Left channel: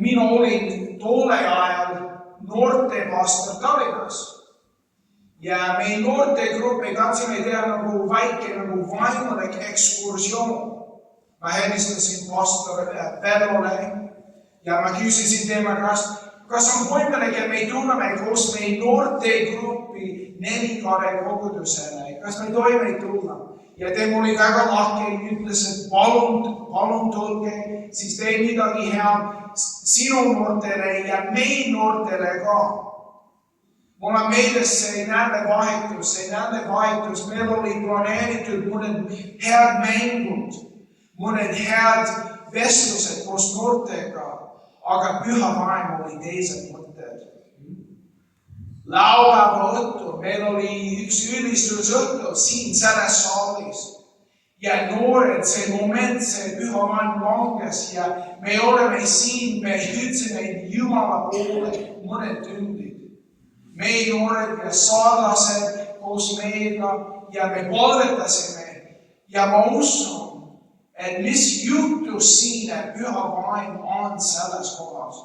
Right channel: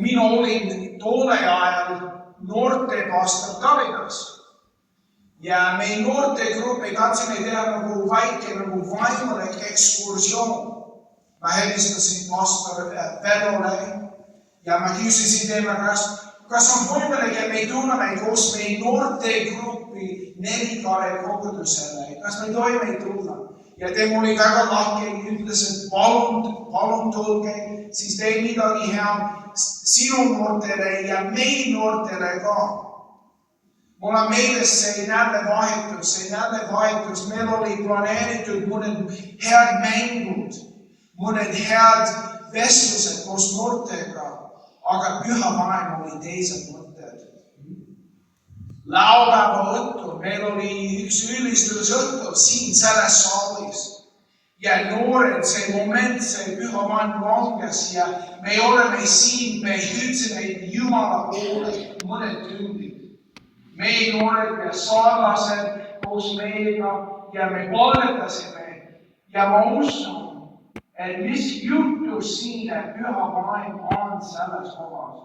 Mina olin tolle ajal noortepastor Tallinnas. Ja meil noortegrupi tahtsime teha nagu väike vaimulik ekskursioon. Ma helistasin pastor Perlole ja ma küsisin tema käest, kas on võimalik, et me tuleme koos meie noortegrupi Nelikare kogudusele, kas me tohime tulla? Ja tema oli väga lahke, ütles, et palun tulge, siis teen midagi head sinu noortele ja meie noortele ka. Mul on meeles see nädalavahetus, meil oli planeeritud mõned head mängud, mõned head vestlused koos noortega, aga pühavaim oli teised mõtted. Laupäeva õhtul meil oli üks ülistusõhtu siin selles saalis ja noored, see moment, see pühavaim langes ja me oleme siin, me hüüdsime Jumala poole mõned tunnid. Meie noored ja saarlased koos meiega ja me palvetasime ja ma usun, et mis juhtus siin, et pühavaim on selles kohas.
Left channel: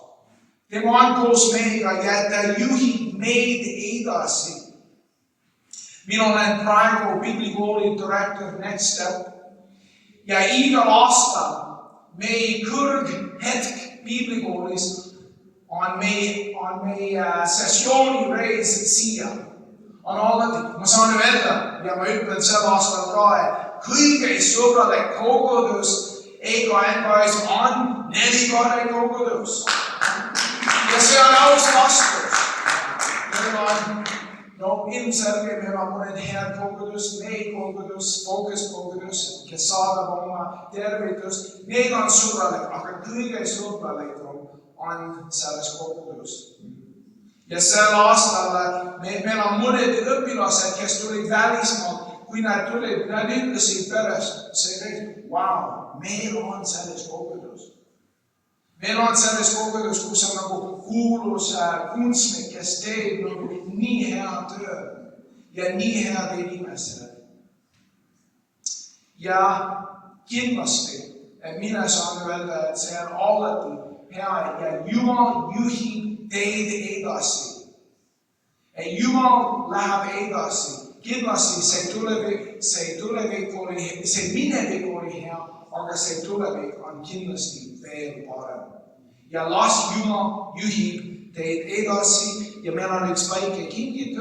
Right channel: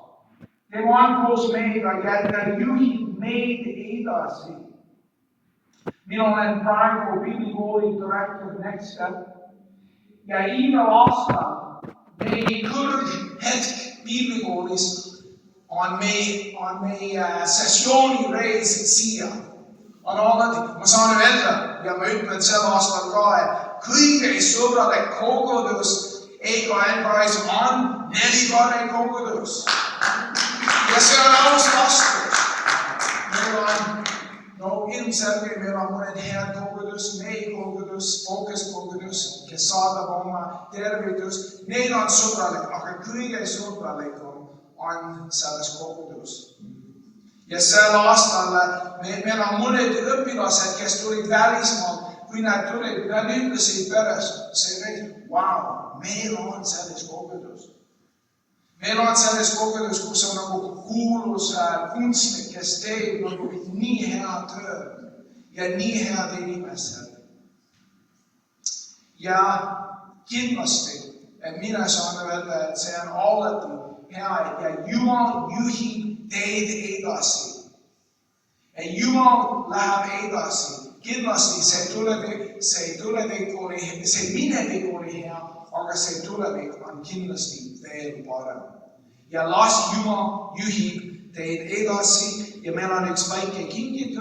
Tema on koos meiega ja ta juhib meid edasi. Mina olen praegu biblikooli direktor Next Step ja igal aastal meie kõrghetk biblikoolis on meie sessioonireis siia. On alati, ma saan öelda ja ma ütlen sel aastal ka, et kõige sõbralik kogudus EKN-is on Nelikare kogudus. Ja see on aus vastus. Meil on ilmselge, meil on mõned head kogudus, meie kogudus, Focus kogudus, kes saadab oma tervitus. Need on sõbralik, aga kõige sõbralikum on selles kogudus. Ja sel aastal meil on mõned õpilased, kes tulid välismaalt, kui nad tulid, nad ütlesid pärast, wow, meil on selles kogudus. Meil on selles kogudus, kus on nagu kuulus kunstnik, kes teeb nagu nii hea töö ja nii head inimesed. Ja kindlasti, mina saan öelda, et see on alati hea ja Jumal juhib teid edasi. Ja Jumal läheb edasi. Kindlasti see minevik oli hea, aga see tulevik on kindlasti veel parem. Ja las Jumal juhib teid edasi ja meil on üks väike kingitus.